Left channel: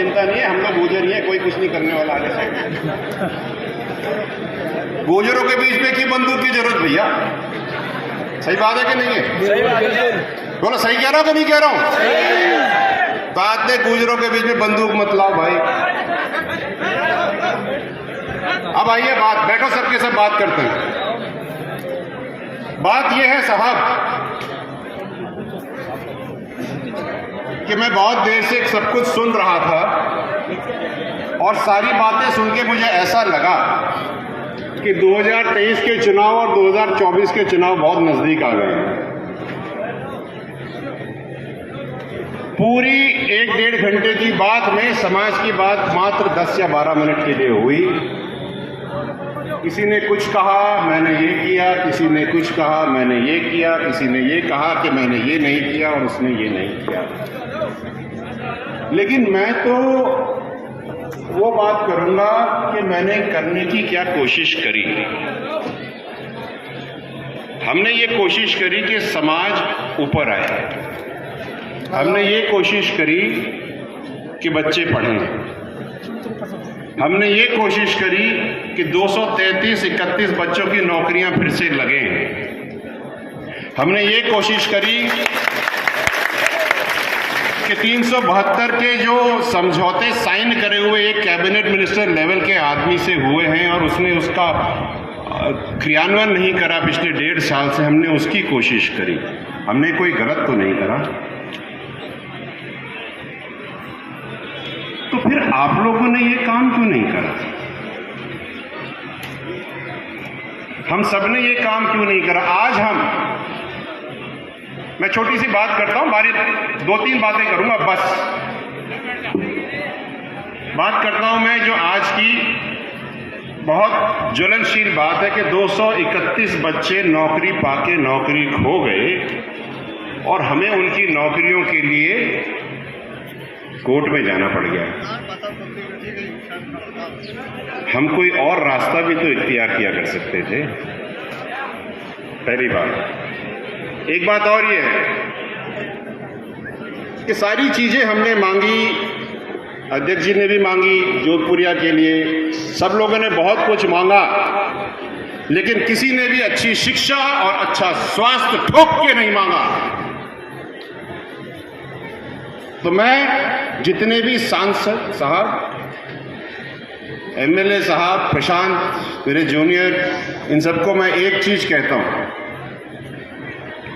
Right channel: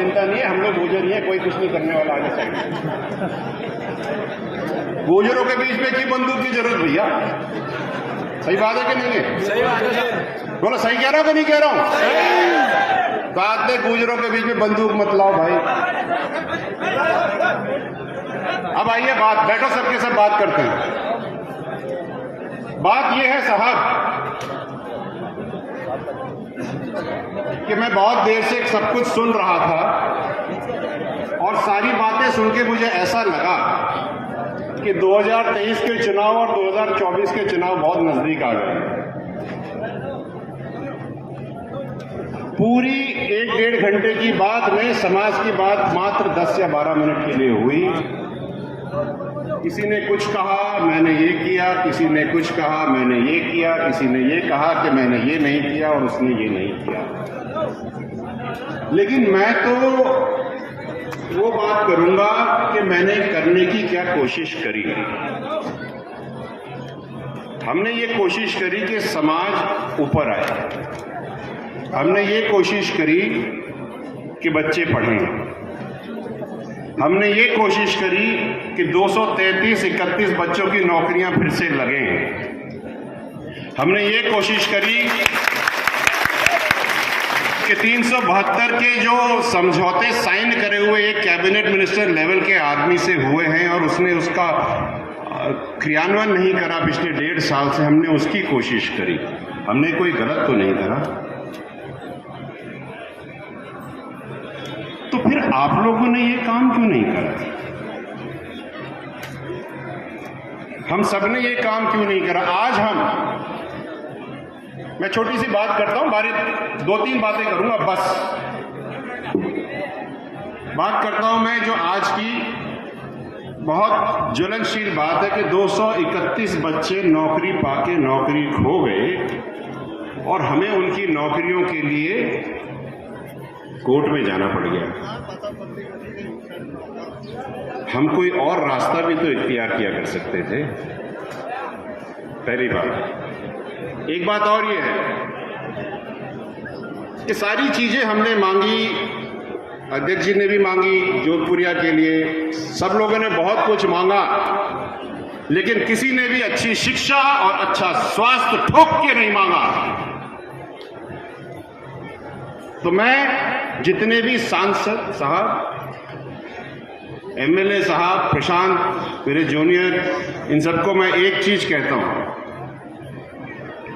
चिंता नहीं है, हम लोग गुजर ही है, कोई कुछ नहीं करने वाला आगे से। गुजरों के बीच में क्यों बंदूक की जरूरत भैया? सही बात है कि नहीं है? सही बात है। बोलो सही कह रहा हूं कि नहीं कह रहा हूं? बात है, गुजरों के बीच में बंदूक मत लाओ भाई। अब आइए बैठो, सबके सब बात करते हैं। बात यह है साहब कि मैं बहुत देर से सब कुछ सुन रहा था और सारी बातें सुन के मुझे ऐसा लगा कि 2023 के चुनाव और 2024 के चुनाव बहुत नजदीक आ गए हैं। पूरी 1-1.5 घंटे की बात में समाज की बात मात्र 10 या 12 मिनट के लिए हुई। किसी ने कुछ कहा, मैंने ये किया, किसी ने कुछ कहा, मैंने ये किया, किसी ने ये कहा कि मैंने ये नहीं किया और उसने ये नहीं किया। लेकिन मैं तो वो बात करूंगा कि मैंने करने की क्या कोशिश करी। हमने ये कोशिश करी कि समाज ऊपर आए, हमने ये कोशिश करी कि बच्चे पढ़ें, हमने ये कोशिश करी कि 233-31 बच्चों की नौकरियां फिर से लगें, हमने ये कोशिश करी कि 372 के जो समझौते साइन करे हुए एक कैबिनेट मिनिस्टर लेवल के आदमी से हुए हैं और उसने उसका क्रियान्वयन नहीं करा पिछले 1.5 साल से, हमने उसकी कोशिश करी। हमने कोई गलत तो नहीं करा। तो फिर आप लोगों ने ये काम क्यों नहीं करा? हम सब ने ये काम क्यों नहीं करा? आज मैं छोटी सी बात करता हूं, बारी 2-3 बातें करूंगा बस। बात करता हूं मैं जो आज की बहुत ज्वलनशील बात है कि 231 बच्चे नौकरी पाके नौकरी खो गए और हमें उनकी नौकरियों के लिए कोर्ट में जाना पड़ गया। हम कोई और रास्ता भी तो इख्तियार किया कर सकते थे। पहली बात। एक बात और ये है कि सारी चीजें हमने मांगी, अध्यक्ष जी ने भी मांगी जोधपुरिया के लिए, सब लोगों ने बहुत कुछ मांगा, लेकिन किसी ने भी अच्छी शिक्षा और अच्छा स्वास्थ्य ठोक के नहीं मांगा। तो मैं जितने भी सांसद साहब, एमएलए साहब, प्रशांत मेरे जूनियर, इन सबको मैं एक चीज कहता हूं,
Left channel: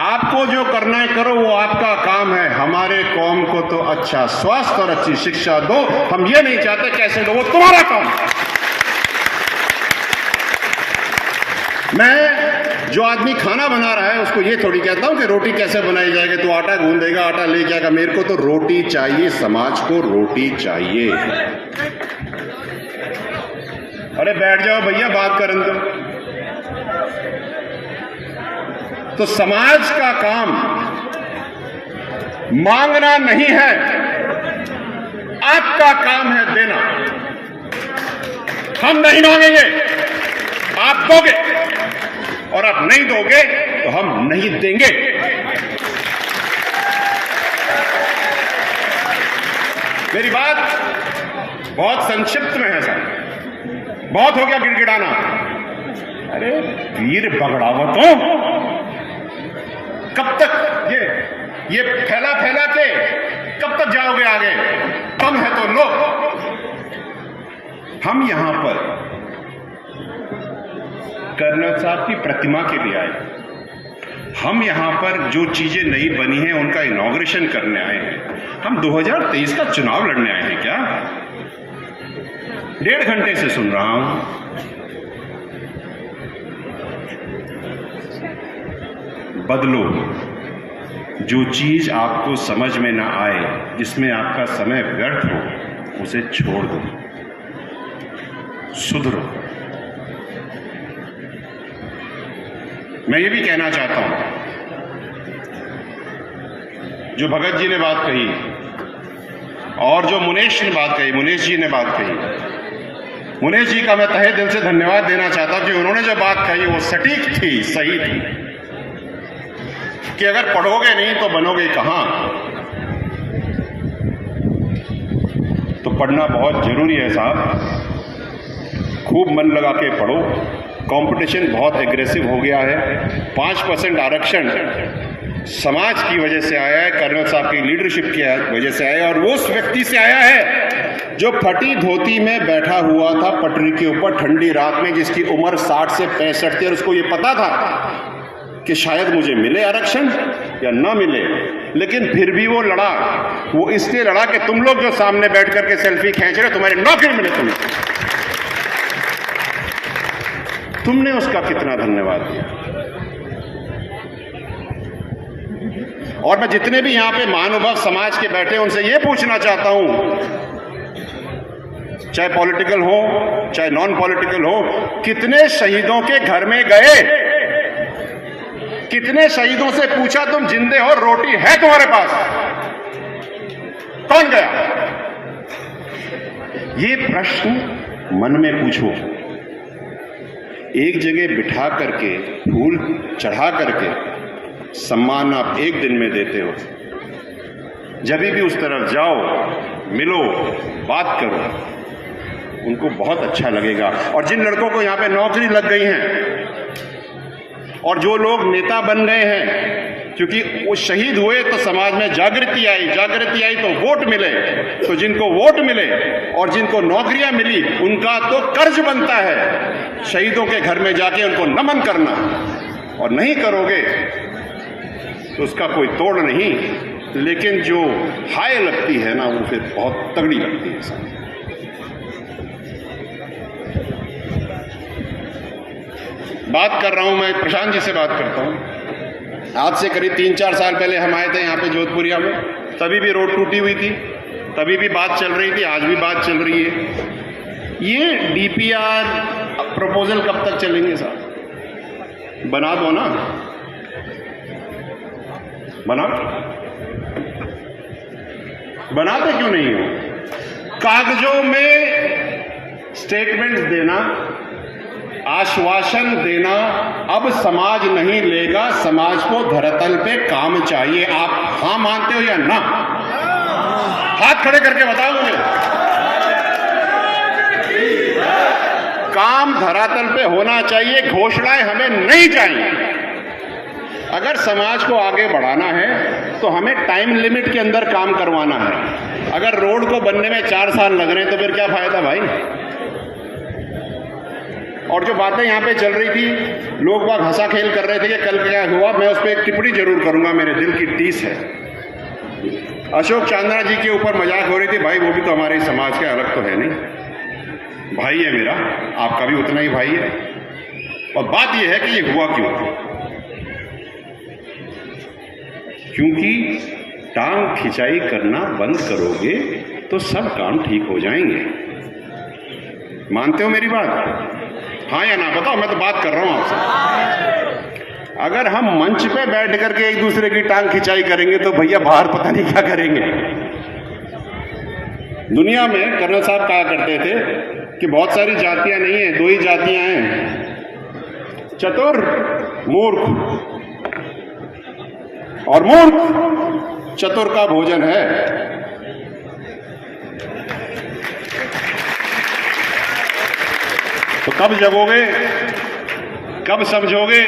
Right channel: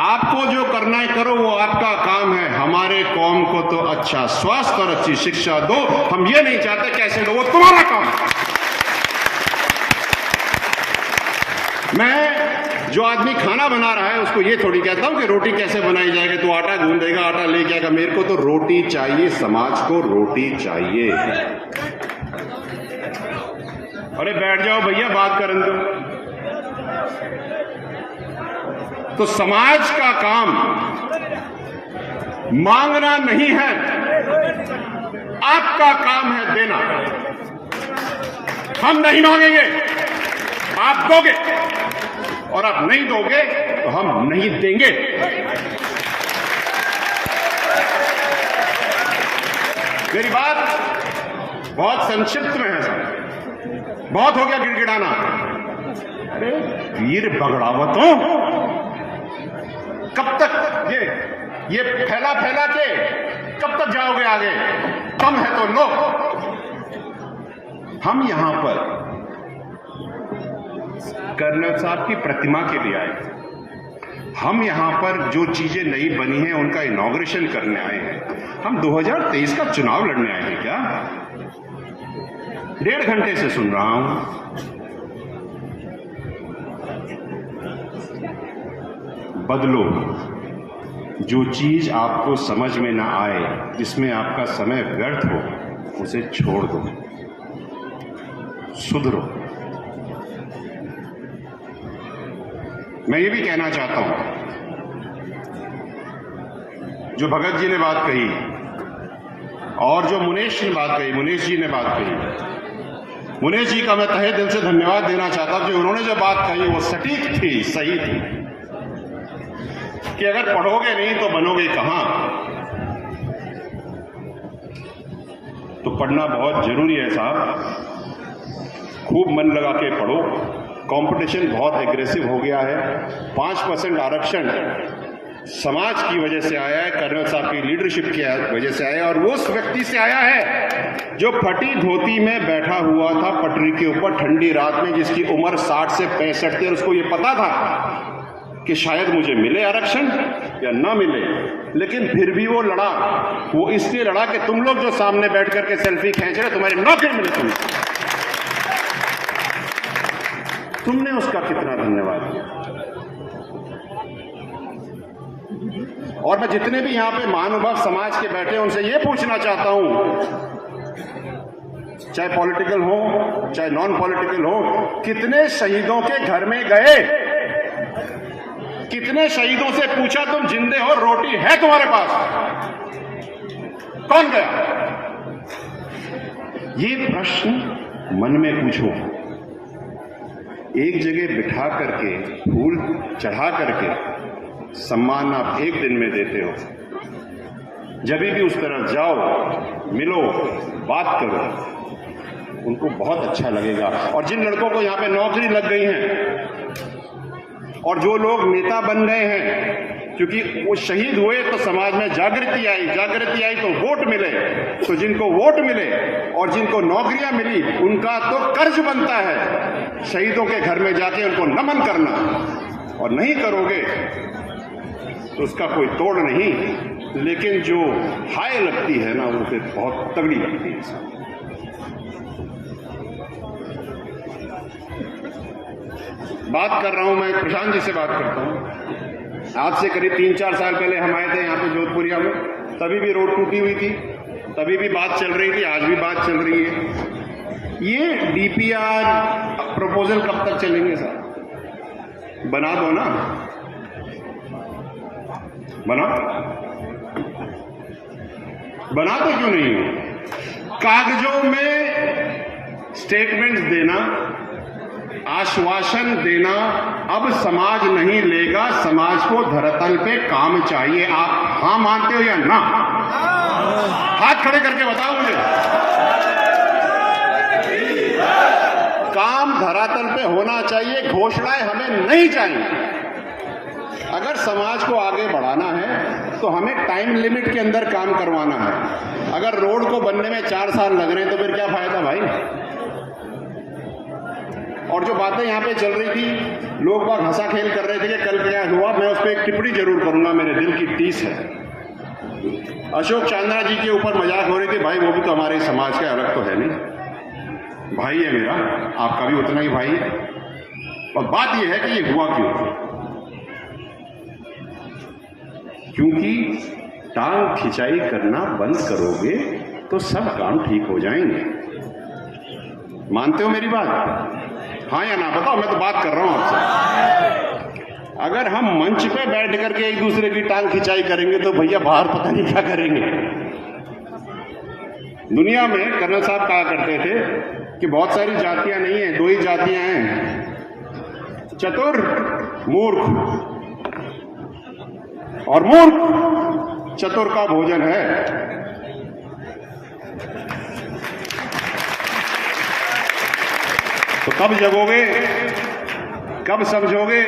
आपको जो करना है करो, वो आपका काम है। हमारे कौम को तो अच्छा स्वास्थ्य और अच्छी शिक्षा दो, हम ये नहीं चाहते कैसे दो, वो तुम्हारा काम है। मैं जो आदमी खाना बना रहा है उसको ये थोड़ी कहता हूं कि रोटी कैसे बनाई जाएगी, तो आटा गूंदेगा, आटा लेके आएगा। मेरे को तो रोटी चाहिए, समाज को रोटी चाहिए। अरे बैठ जाओ भैया, बात करने दो। तो समाज का काम मांगना नहीं है, आपका काम है देना। हम नहीं मांगेंगे, आप दोगे, और आप नहीं दोगे तो हम नहीं देंगे। मेरी बात बहुत संक्षिप्त में है साहब, बहुत हो गया गिड़गिड़ाना। अरे वीर बगड़ावतों, कब तक ये फैला के कब तक जाओगे आगे? कम है तो लो। हम यहां पर कर्नल साहब की प्रतिमा के लिए आए। हम यहां पर जो चीजें नई बनी हैं उनका इनॉग्रेशन करने आए हैं। हम 2023 का चुनाव लड़ने आए हैं क्या? 1.5 घंटे से सुन रहा हूं। बदलो। जो चीज आपको समझ में ना आए, जिसमें आपका समय व्यर्थ हो, उसे छोड़ दो, सुधरो। मैं ये भी कहना चाहता हूं, जो भगत जी ने बात कही और जो मुनेश ने बात कही, मुनेश जी ने बात कही, मुनेश जी का मैं तहे दिल से धन्यवाद देना चाहता कि उन्होंने जो बात कही वो सटीक थी, सही थी, कि अगर पढ़ोगे नहीं तो बनोगे कहां। तो पढ़ना बहुत ज़रूरी है साहब, खूब मन लगा के पढ़ो। कंपटीशन बहुत एग्रेसिव हो गया है। 5% आरक्षण समाज की वजह से आया है, कर्नल साहब की लीडरशिप की वजह से आया है, और वो उस व्यक्ति से आया है जो फटी धोती में बैठा हुआ था पटरी के ऊपर ठंडी रात में, जिसकी उम्र 60 से 65 थी, और उसको ये पता था कि शायद मुझे मिले आरक्षण या ना मिले, लेकिन फिर भी वो लड़ा। वो इसलिए लड़ा कि तुम लोग जो सामने बैठ करके सेल्फी खींच रहे हो, तुम्हारी नौकरी मिले तुमने उसका कितना धन्यवाद दिया। और मैं जितने भी यहां पे महानुभाव समाज के बैठे हैं उनसे ये पूछना चाहता हूं, चाहे पॉलिटिकल हो चाहे नॉन पॉलिटिकल हो, कितने शहीदों के घर में गए, कितने शहीदों से पूछा तुम जिंदे हो, रोटी है तुम्हारे पास? कौन गया? ये प्रश्न मन में पूछो। एक जगह बिठा करके, फूल चढ़ा करके सम्मान आप एक दिन में देते हो। जब भी उस तरफ जाओ, मिलो, बात करो, उनको बहुत अच्छा लगेगा। और जिन लड़कों को यहाँ पे नौकरी लग गई है और जो लोग नेता बन गए हैं, क्योंकि वो शहीद हुए तो समाज में जागृति आई तो वोट मिले, तो जिनको वोट मिले और जिनको नौकरियां मिली, उनका तो कर्ज बनता है शहीदों के घर में जाके उनको नमन करना। और नहीं करोगे तो उसका कोई तोड़ नहीं, लेकिन जो हाय लगती है ना, वो फिर बहुत तगड़ी लगती है। बात कर रहा हूं मैं, प्रशांत जी से बात करता हूं। आज से करीब 3-4 साल पहले हम आए थे यहाँ पे जोधपुरिया में, तभी भी रोड टूटी हुई थी, तभी भी बात चल रही थी, आज भी बात चल रही है। ये डीपीआर प्रपोजल कब तक चलेंगे साहब? बना दो ना, बनाते क्यों नहीं हो? कागजों में स्टेटमेंट्स देना, आश्वासन देना अब समाज नहीं लेगा। समाज को धरातल पे काम चाहिए। आप हाँ मानते हो या ना? हाथ खड़े करके बताओ मुझे। काम धरातल पे होना चाहिए, घोषणाएं हमें नहीं चाहिए। अगर समाज को आगे बढ़ाना है तो हमें टाइम लिमिट के अंदर काम करवाना है। अगर रोड को बनने में 4 साल लग रहे हैं तो फिर क्या फायदा भाई? और जो बातें यहाँ पे चल रही थी, लोग बाग हंसा खेल कर रहे थे कि कल क्या हुआ, मैं उस पर एक टिप्पणी जरूर करूंगा, मेरे दिल की टीस है। अशोक चांद्रा जी के ऊपर मजाक हो रही थी, भाई वो भी तो हमारे समाज के, अलग तो है नहीं, भाई है मेरा, आपका भी उतना ही भाई है। और बात यह है कि ये हुआ क्यों? क्योंकि टांग खिंचाई करना बंद करोगे तो सब काम ठीक हो जाएंगे। मानते हो मेरी बात? हाँ या ना बताओ, मैं तो बात कर रहा हूं आपसे। अगर हम मंच पे बैठ करके एक दूसरे की टांग खिंचाई करेंगे तो भैया बाहर पता नहीं क्या करेंगे। दुनिया में कर्नल साहब कहा करते थे कि बहुत सारी जातियां नहीं है, 2 ही जातियां हैं, चतुर, मूर्ख। और मूर्ख चतुर का भोजन है। तो कब जगोगे, कब समझोगे,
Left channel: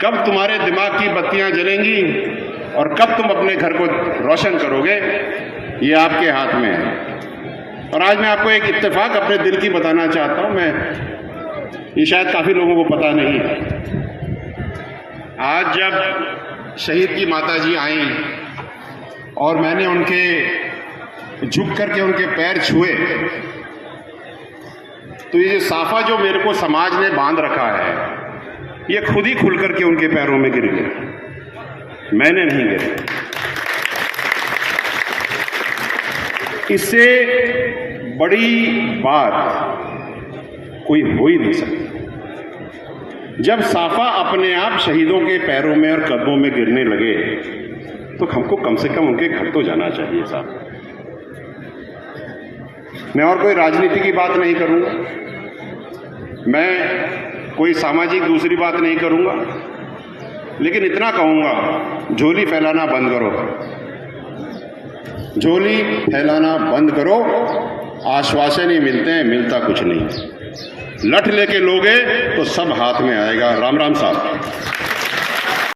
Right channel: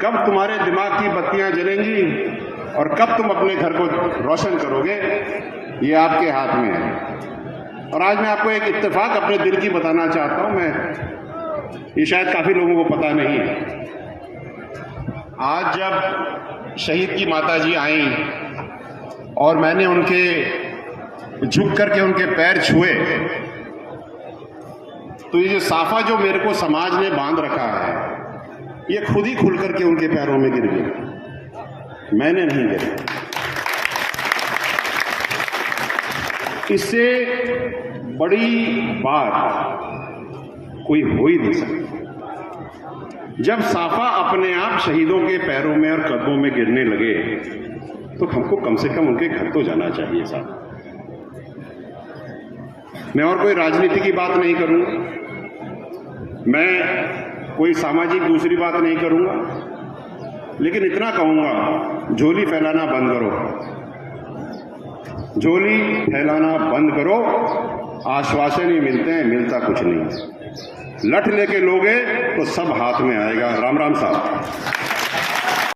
कब तुम्हारे दिमाग की बत्तियां जलेंगी और कब तुम अपने घर को रोशन करोगे, ये आपके हाथ में है। और आज मैं आपको एक इत्तेफाक अपने दिल की बताना चाहता हूं, ये शायद काफी लोगों को पता नहीं है। आज जब शहीद की माता जी आई और मैंने उनके झुक करके उनके पैर छुए, तो ये साफा जो मेरे को समाज ने बांध रखा है, ये खुद ही खुल करके उनके पैरों में गिर गया, मैंने नहीं गिरा। इससे बड़ी बात कोई हो ही नहीं सकती। जब साफा अपने आप शहीदों के पैरों में और कदमों में गिरने लगे तो हमको कम से कम उनके घर तो जाना चाहिए साहब। मैं और कोई राजनीति की बात नहीं करूंगा, मैं कोई सामाजिक दूसरी बात नहीं करूंगा, लेकिन इतना कहूंगा, झोली फैलाना बंद करो। झोली फैलाना बंद करो। आश्वासन ही मिलते हैं, मिलता कुछ नहीं। लठ लेके लोगे तो सब हाथ में आएगा। राम राम साहब।